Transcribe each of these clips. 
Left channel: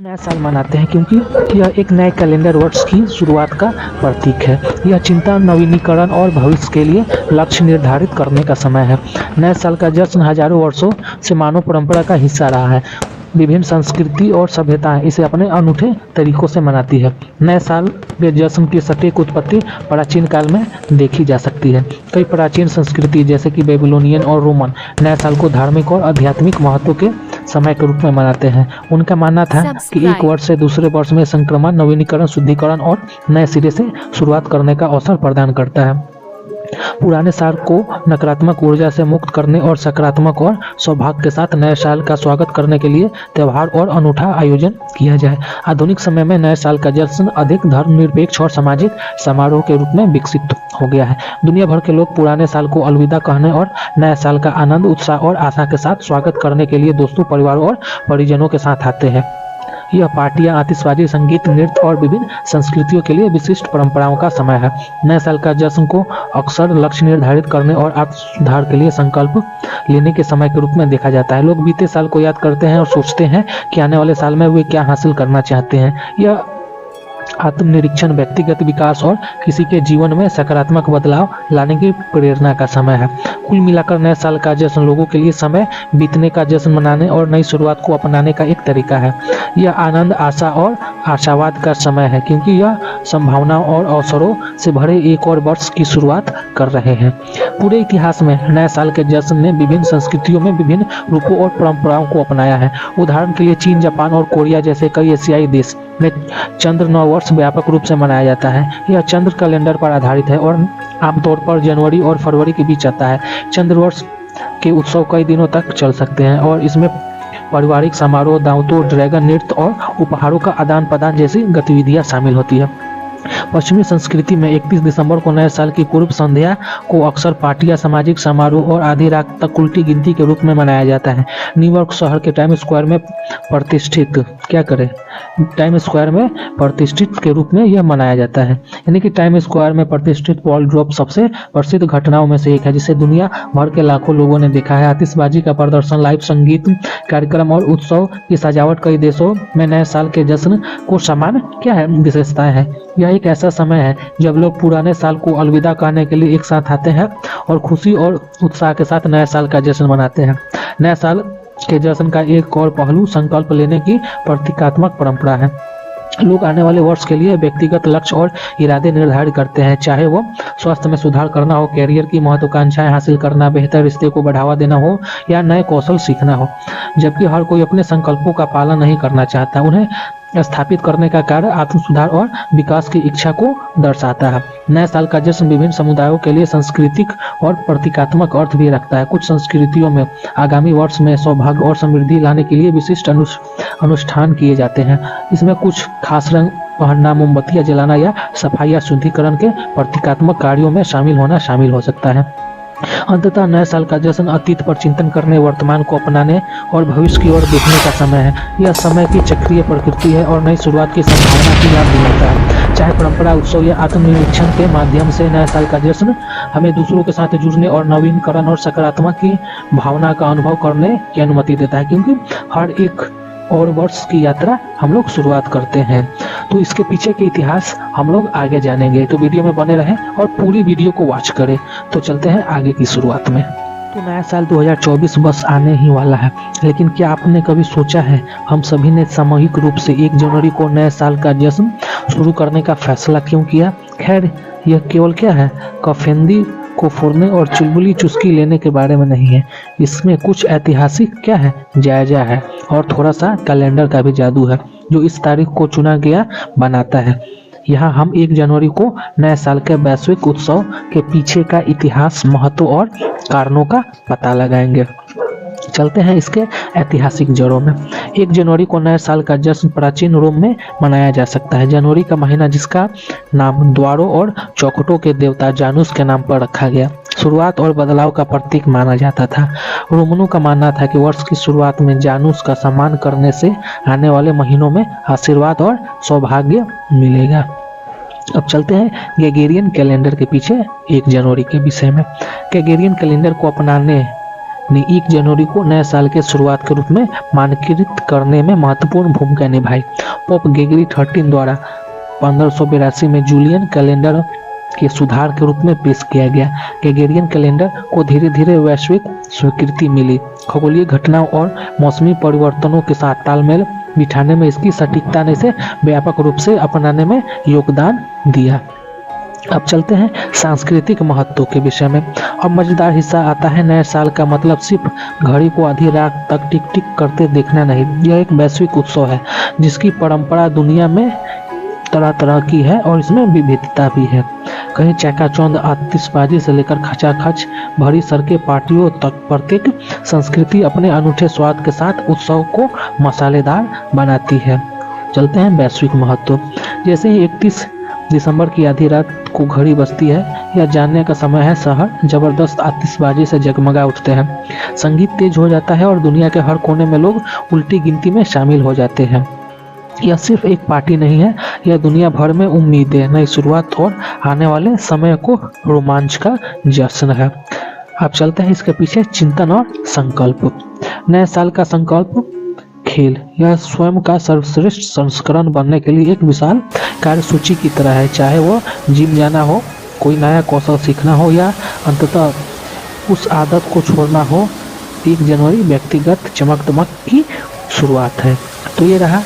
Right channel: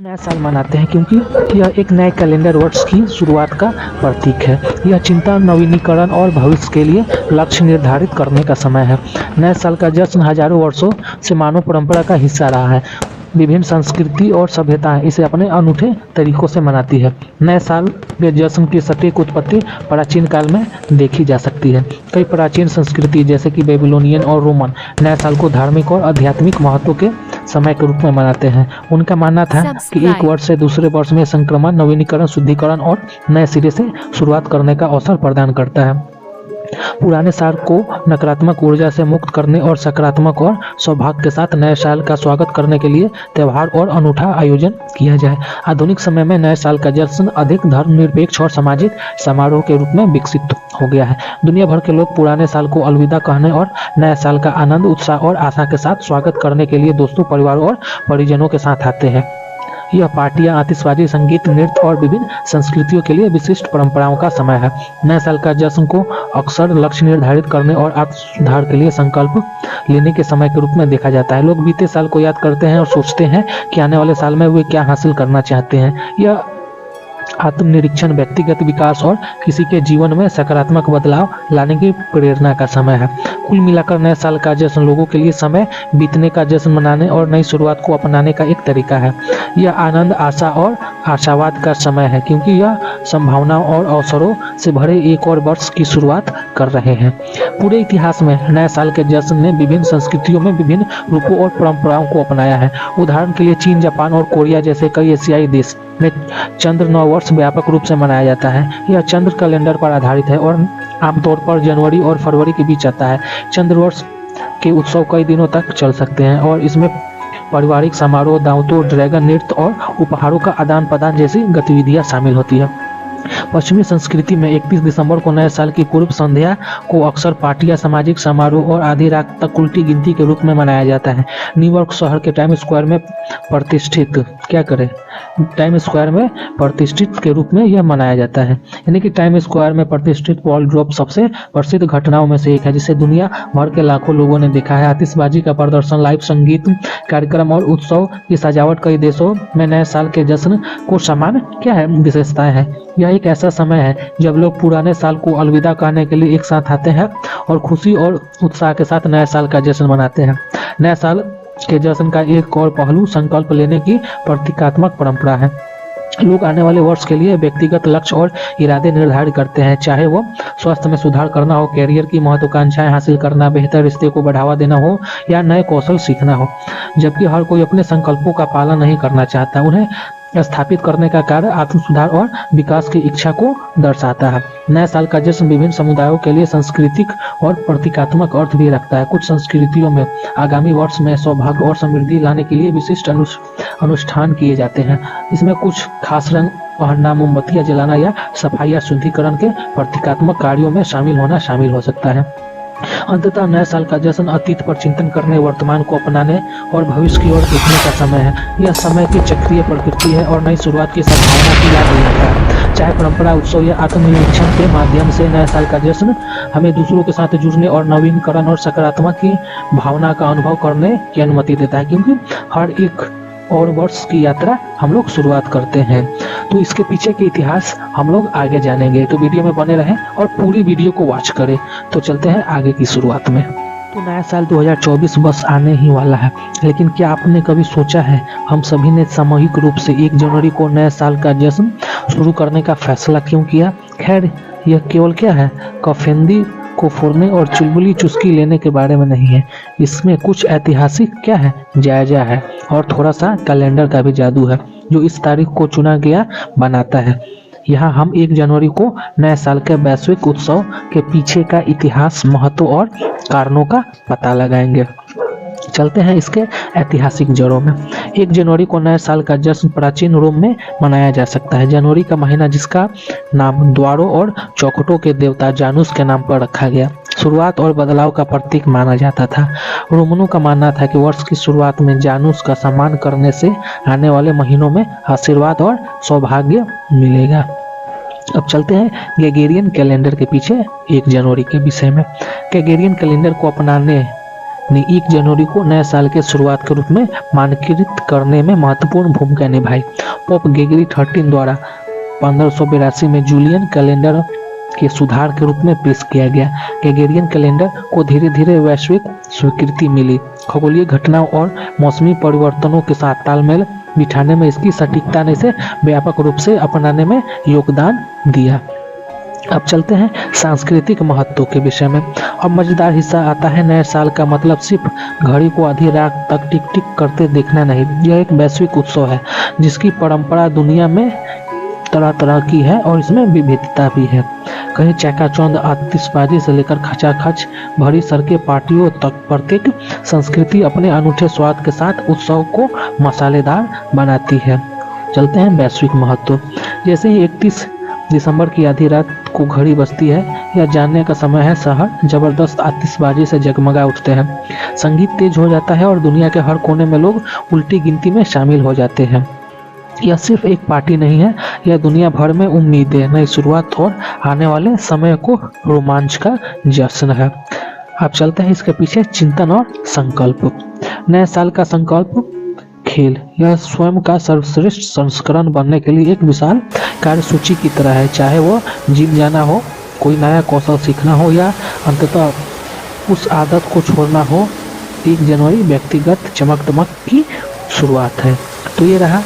नया साल मनाते हैं क्योंकि यह एक नए कैलेंडर वर्ष की शुरुआत का प्रतीक है। यह चिंता, नवीनीकरण और भविष्य के लिए लक्ष्य निर्धारित करने का समय है। नए साल का जश्न हजारों वर्षों से मानव परंपरा का हिस्सा रहा है। विभिन्न संस्कृति और सभ्यताएं इसे अपने अनूठे तरीकों से मनाती है। नए साल के जश्न की सटीक उत्पत्ति प्राचीन काल में देखी जा सकती है। कई प्राचीन संस्कृति जैसे कि बेबीलोनियन और रोमन नए साल को धार्मिक और आध्यात्मिक महत्व के समय के रूप में मनाते हैं। उनका मानना था कि एक वर्ष से दूसरे वर्ष में संक्रमण, नवीनीकरण, शुद्धिकरण और नए सिरे से शुरुआत करने का अवसर प्रदान करता है। पुराने साल को नकारात्मक ऊर्जा से मुक्त करने और सकारात्मक और सौभाग्य के साथ नए साल का स्वागत करने के लिए त्योहार और अनूठा आयोजन किया जाए। आधुनिक समय में नए साल का जश्न अधिक धर्मनिरपेक्ष और सामाजिक समारोह के रूप में विकसित हो गया है। दुनिया भर के लोग पुराने साल को अलविदा कहने और नए साल का आनंद, उत्साह और आशा के साथ स्वागत करने के लिए दोस्तों, परिवारों और परिजनों के साथ आते हैं। यह पार्टियां, आतिशबाजी, संगीत, नृत्य और विभिन्न संस्कृतियों के लिए विशिष्ट परंपराओं का समय है। नए साल का जश्न को अक्सर लक्ष्य निर्धारित करने और आत्म सुधार के लिए संकल्प लेने के समय के रूप में देखा जाता है। लोग बीते साल को याद करते हैं और सोचते हैं कि आने वाले साल में वे क्या हासिल करना चाहते हैं। यह आत्मनिरीक्षण, व्यक्तिगत विकास और किसी के जीवन में सकारात्मक बदलाव लाने की प्रेरणा का समय है। कुल मिलाकर नए साल का जश्न लोगों के लिए समय बीतने का जश्न मनाने और नई शुरुआत को अपनाने का एक तरीका है। यह आनंद, आशा और आशावाद का समय है क्योंकि यह संभावनाओं और अवसरों से भरे एक और वर्ष की शुरुआत कर रहे हैं। पूरे इतिहास में नए साल के जश्न ने विभिन्न संस्कृतियों में विभिन्न रूपों और परंपराओं को अपनाया है। उदाहरण के लिए चीन, जापान और कोरिया जैसे कई एशियाई देश में चंद्र नव वर्ष व्यापक रूप से मनाया जाता है। यह चंद्र कैलेंडर पर आधारित है और आमतौर पर जनवरी और फरवरी के बीच आता है। चंद्र वर्ष के उत्सव कई दिनों तक चल सकते हैं और इसमें पारिवारिक समारोह, दावतों, ड्रैगन नृत्य और उपहारों का आदान प्रदान जैसी गतिविधियां शामिल होती है। पश्चिमी संस्कृति में 31 दिसंबर को नए साल की पूर्व संध्या को अक्सर पार्टियां, सामाजिक समारोह और आधी रात तक उल्टी गिनती के रूप में मनाया जाता है। न्यूयॉर्क शहर के टाइम स्क्वायर में प्रतिष्ठित के रूप में यह मनाया जाता है। यानी कि टाइम स्क्वायर में प्रतिष्ठित बॉल ड्रॉप सबसे प्रसिद्ध घटनाओं में से एक है, जिसे दुनिया भर के लाखों लोगों ने देखा है। आतिशबाजी का प्रदर्शन, लाइव संगीत कार्यक्रम और उत्सव की सजावट कई देशों में नए साल के जश्न को समान विशेषता है। यह एक ऐसा समय है जब लोग पुराने साल को अलविदा कहने के लिए एक साथ आते हैं और खुशी और उत्साह के साथ नए साल का जश्न मनाते हैं। नए साल के जश्न का एक और पहलू संकल्प लेने की प्रतीकात्मक परंपरा है। लोग आने वाले वर्ष के लिए व्यक्तिगत लक्ष्य और इरादे निर्धारित करते हैं, चाहे वो स्वास्थ्य में सुधार करना हो, कैरियर की महत्वाकांक्षाएं हासिल करना, बेहतर रिश्ते को बढ़ावा देना हो या नए कौशल सीखना हो। जबकि हर कोई अपने संकल्पों का पालन नहीं करना चाहता। उन्हें स्थापित करने का कार्य आत्म सुधार और विकास की इच्छा को दर्शाता है। नए साल का जश्न विभिन्न समुदायों के लिए सांस्कृतिक और प्रतीकात्मक अर्थ भी रखता है। कुछ संस्कृतियों में आगामी वर्ष में सौभाग्य और समृद्धि लाने के लिए विशिष्ट अनुष्ठान किए जाते हैं। इसमें कुछ खास रंग पहनना, मोमबत्तियां जलाना या सफाई या शुद्धिकरण के प्रतीकात्मक कार्यों में शामिल हो सकता है। अंततः नए साल का जश्न अतीत पर चिंतन करने, वर्तमान को अपनाने और भविष्य की ओर देखने का समय है। यह समय की चक्रीय प्रकृति है और नई शुरुआत की संभावना की याद दिलाता है। चाहे परंपरा, उत्सव या आत्मनिरीक्षण के माध्यम से नए साल का जश्न हमें दूसरों के साथ जुड़ने और नवीनीकरण और सकारात्मक की भावना का अनुभव करने की अनुमति देता है, क्योंकि हर एक और वर्ष की यात्रा हम लोग शुरुआत करते हैं। तो इसके पीछे के इतिहास हम लोग आगे जानेंगे, तो वीडियो में बने रहें और पूरी वीडियो को वॉच करें। तो चलते हैं आगे की शुरुआत में। तो नया साल 2024 बस आने ही वाला है, लेकिन क्या आपने कभी सोचा है हम सभी ने सामूहिक रूप से 1 जनवरी को नए साल का जश्न शुरू करने का फैसला क्यों किया? खैर, यह केवल क्या है, कफेंदी को फोड़ने और चुलबुली चुस्की लेने के बारे में नहीं है। इसमें कुछ ऐतिहासिक जायजा है और थोड़ा सा कैलेंडर का भी जादू है जो इस तारीख को चुना गया बनाता है। यहाँ हम 1 जनवरी को नए साल के वैश्विक उत्सव के पीछे का इतिहास, महत्व और कारणों का पता लगाएंगे। चलते हैं इसके ऐतिहासिक जड़ों में। 1 जनवरी को नए साल का जश्न प्राचीन रोम में मनाया जा सकता है। जनवरी का महीना, जिसका नाम द्वारों और चौखटों के देवता जानुस के नाम पर रखा गया, शुरुआत और बदलाव का प्रतीक माना जाता था। रोमनों का मानना था कि वर्ष की शुरुआत में जानुस का सम्मान करने से आने वाले महीनों में आशीर्वाद और सौभाग्य मिलेगा। अब चलते हैं ग्रेगोरियन कैलेंडर के पीछे 1 जनवरी के विषय में। ग्रेगोरियन कैलेंडर को अपनाने ने 1 जनवरी को नए साल के शुरुआत के रूप में मानकीकृत करने में महत्वपूर्ण भूमिका निभाई। गेगरी 13 द्वारा 1582 में जूलियन कैलेंडर के सुधार के रूप में पेश किया गया। ग्रेगोरियन कैलेंडर को धीरे धीरे वैश्विक स्वीकृति मिली। खगोलीय घटनाओं और मौसमी परिवर्तनों के साथ तालमेल बिठाने में इसकी सटीकता ने इसे व्यापक रूप से अपनाने में योगदान दिया। अब चलते हैं सांस्कृतिक महत्व के विषय में। अब मजेदार हिस्सा आता है। नए साल का मतलब सिर्फ घड़ी को आधी रात तक टिक टिक करते देखना नहीं, यह एक वैश्विक उत्सव है जिसकी परंपरा दुनिया में तरह तरह की है और इसमें विविधता भी है। कहीं चकाचौंध आतिशबाजी से लेकर खचाखच भरी सड़कें पार्टियों तक प्रत्येक संस्कृति अपने अनूठे स्वाद के साथ उत्सव को मसालेदार बनाती है। चलते हैं वैश्विक महत्व। जैसे ही 31 दिसंबर की आधी रात को घड़ी बजती है, यह जानने का समय है शहर जबरदस्त आतिशबाजी से जगमगा उठते हैं। संगीत तेज हो जाता है और दुनिया के हर कोने में लोग उल्टी गिनती में शामिल हो जाते हैं। यह सिर्फ एक पार्टी नहीं है, यह दुनिया भर में उम्मीद, नई शुरुआत और आने वाले समय को रोमांच का जश्न है। अब चलते हैं इसके पीछे चिंतन और संकल्प। नए साल का संकल्प खेल, यह स्वयं का सर्वश्रेष्ठ संस्करण बनने के लिए एक विशाल कार्यसूची की तरह है। चाहे वो जिम जाना हो, कोई नया कौशल सीखना हो या अंततः उस आदत को छोड़ना हो। 1 जनवरी व्यक्तिगत चमक दमक की शुरुआत है। तो ये रहा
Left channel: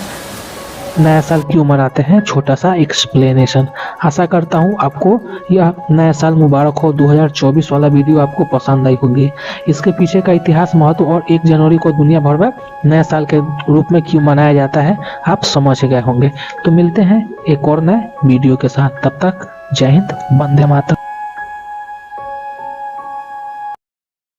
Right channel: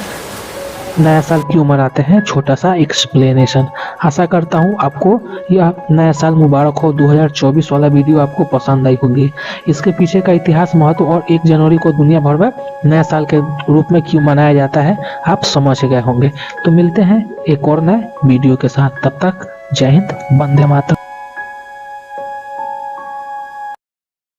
नया साल क्यों मनाते हैं, छोटा सा एक्सप्लेनेशन। आशा करता हूँ आपको यह नया साल मुबारक हो 2024 वाला वीडियो आपको पसंद आई होगी। इसके पीछे का इतिहास, महत्व और 1 जनवरी को दुनिया भर में नया साल के रूप में क्यों मनाया जाता है आप समझ गए होंगे। तो मिलते हैं एक और नए वीडियो के साथ, तब तक जय हिंद, वंदे मातरम।